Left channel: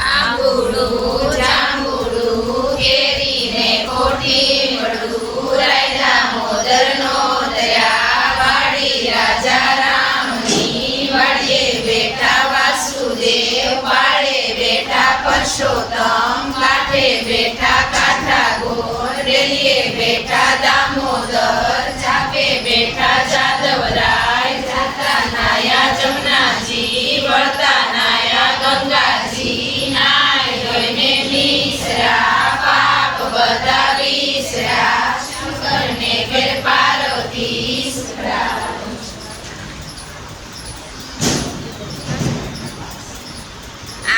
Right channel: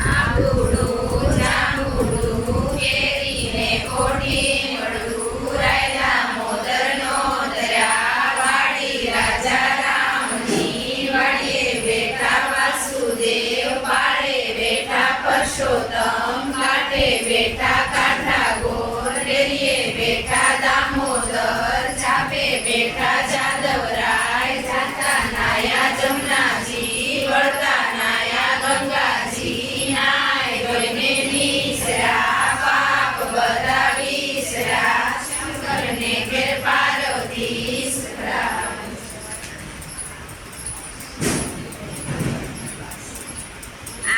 આંબુડું જાંબુડું કેરીને કોઠી મળું રાય દામોદરનો દયા વાડી રાજા રામની વાડીએ બેઠા વાસુદેવ પાળે બેઠા પરસોત્તમ કાંઠે બેઠા કાંઠા ગોર ડેલીએ બેઠા દામોદર ચાપે બેઠા જાદવરાય જાતા નાયા જમનાજી વળતા નાયા ગંગાજી નાય ગઈને નીસરા પાપ બધા વિસરા શંકરને ઘેર પાર્વતી સરા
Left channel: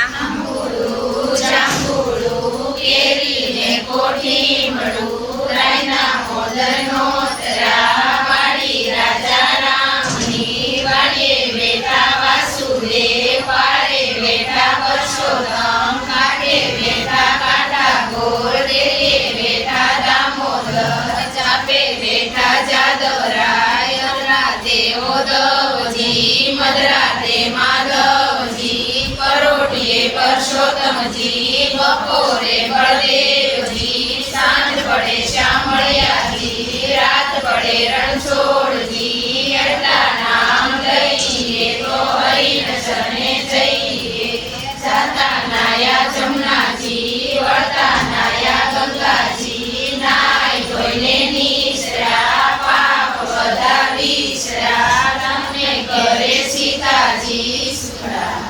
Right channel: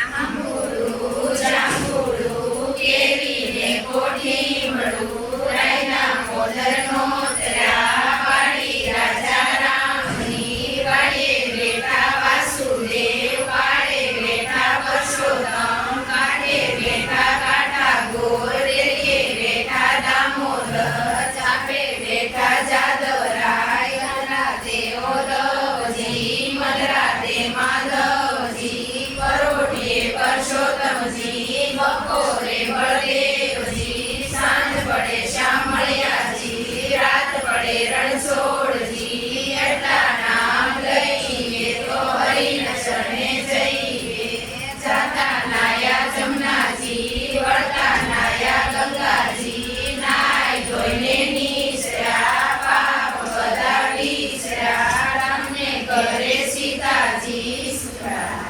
આંબુડું જાંબુડું કેરીને કોઠી મળું રાય દામોદરનો દયા વાડી રાજા રામની વાડીએ બેઠા વાસુદેવ પાળે બેઠા પરસોત્તમ કાંઠે બેઠા કાંઠા ગોર ડેલીએ બેઠા દામોદર ચાપે બેઠા જાદવરાય અદરાતે ઓદવજી મદરાતે માધવજી પરોઢીએ પરસોત્તમજી બપોરે બળદેવજી સાંજ પડે શામળિયાજી રાત પડે રણછોડજી આટલા નામ લઈએ તો હરિને શરણે જઈએ જાતા નાયા જમનાજી વળતા નાયા ગંગાજી નાય ધોઈને નીસરા પાપ બધા વિસરા રામને કરે સીતાજી સુખડા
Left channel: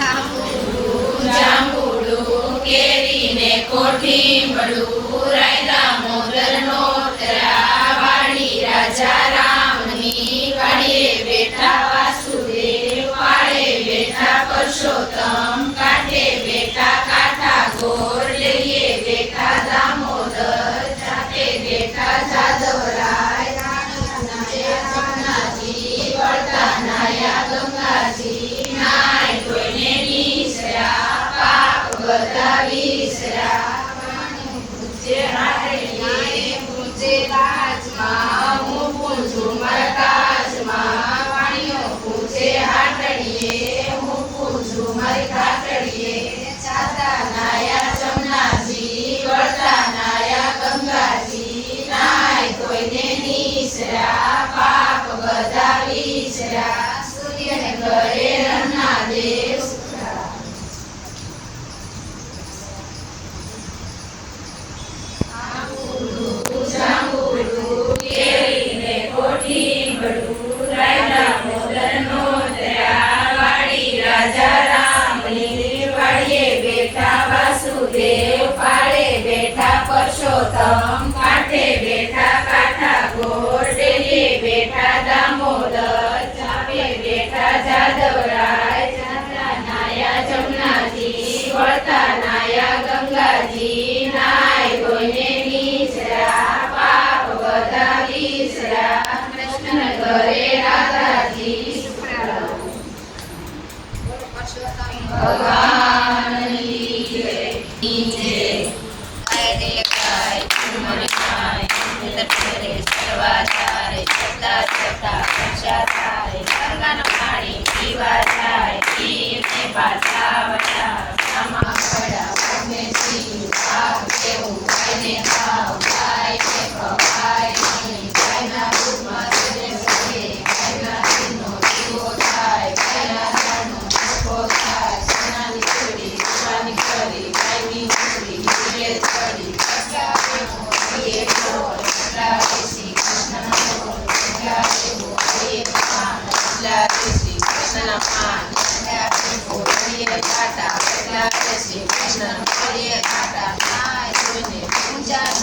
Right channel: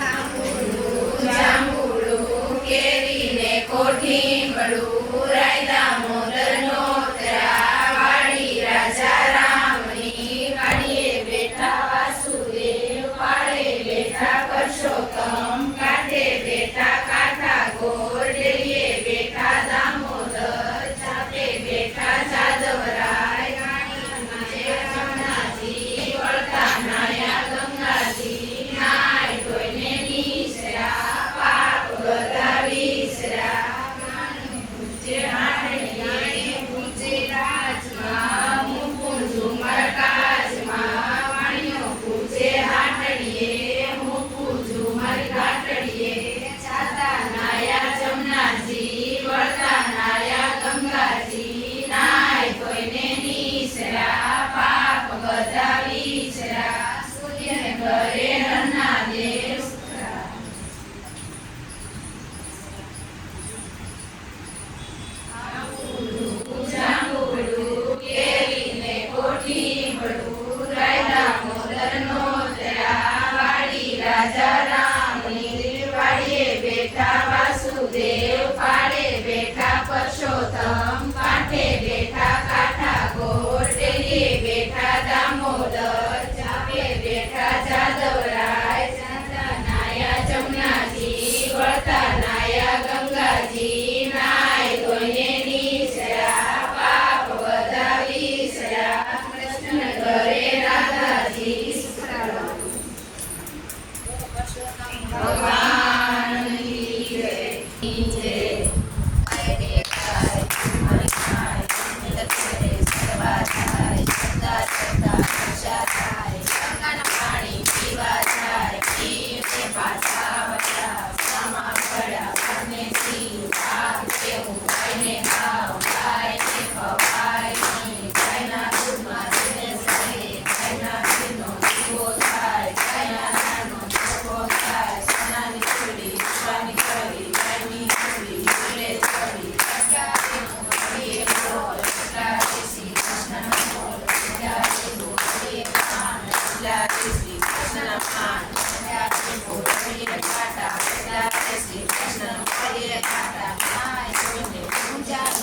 આંબુડું જાંબુડું કેરીને કોઠી મળું રાય દામોદરનો દયા વાડી રાજા રામની વાડીએ બેઠા વાસુદેવ પાળે બેઠા પરસોત્તમ કાંઠે બેઠા કાંઠા ગોર ડેલીએ બેઠા દામોદર ચાપે બેઠા જાદવરાય નાયા જમનાજી વળતા નાયા ગંગાજી નાય ધોઈને નીસરા પાપ બધા વિસરા પૂજે હાડલીએ પૂજે રાજમાં હું પૂજું મારા કાજમાં વાણીઓ પૂજે હાડલીએ હું પૂજું મારી ઘાટડીએ જાતા નાયા જમનાજી વળતા નાયા ગંગાજી નાય ધોઈને નીસરા પાપ બધા વિસરા સૂર્યને ઘરે રન્ના દેવ સુખડા આંબુડું જાંબુડું કેરીને કોઠી મળું રાય દામોદરનો દયા વાડી રાજા રામની વાડીએ બેઠા વાસુદેવ પાળે બેઠા પરસોત્તમ કાંઠે બેઠા કાંઠા ગોર ડેલીએ બેઠા દામોદર ચાપે બેઠા જાદવરાય જાતા નાયા જમનાજી વળતા નાયા ગંગાજી નાય ધોઈને નીસરા પાપ બધા વિસરા કૃષ્ણ ઘરે રાધાજી સુખડા ભગવાનની જય જય મને ખાય કરે સેવા થાય જતા જતા આશા થાય ગંગાનું પાણી પીવા જાય પીરને પાછા વળ્યા સામા પડ્યા મને સિંહ ભાવ કેવું ગાયને ખાવ ગાયને ખવાય નહીં ગાયના દૂધમાં સદે સદે ગાયના દૂધનો દીવો થાય ગાયના દાળનો નફો થાય સોનાની ચૂડી રૂપાની કરી ગાયની ચૂડી જીવે ચડી કષ્ટાનો હરિયે ઢોર એટલા શ્રી કૃષ્ણનો ઢોર એટલા હરિયે પાન એટલા શ્રી કૃષ્ણના પાન એટલા હરિયે ઘાટા એટલા શ્રી કૃષ્ણ હરિયે ઘાટા નાય જોઈને પૂજા ન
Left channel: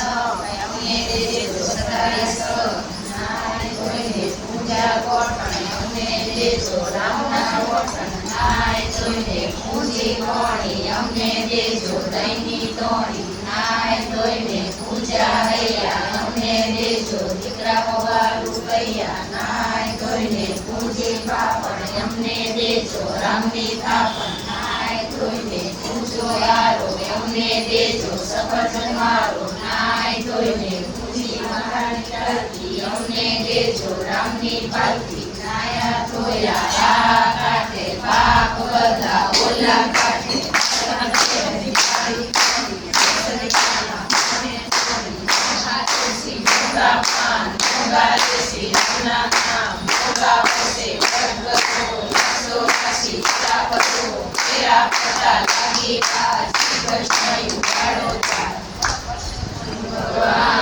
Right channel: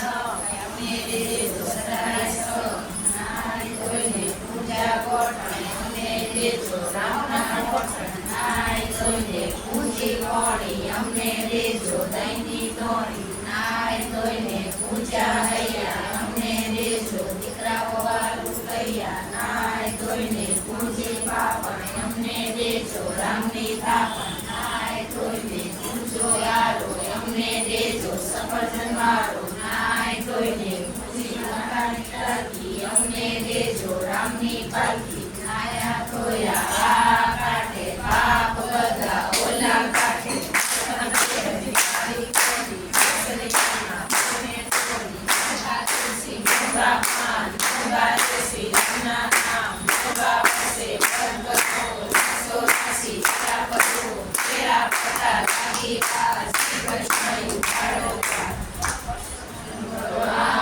અમને દેજો સદાય નાય જોઈને પૂજા ગોઠણ અમને દેજો રામના ગોઠણ નાય જોઈને પૂજી કોણી અમને દેજો દહીંની તોણી નાય જોઈને પૂજા હૈયા અમને દેજો દીકરા પવારું કૈયા નાય જોઈને પૂજી પાપણ અમને દેજો રામની થાપણ નાય જોઈને પૂજો યારો અમને દેજો સફરજન વાળો નાય જોઈને પૂજી મહારાણી તલકી અમને દેજો રામની પાલકી નાયા ધોયા આ કાઢે પાપ બધા ઓલા કાઢે ભગવાન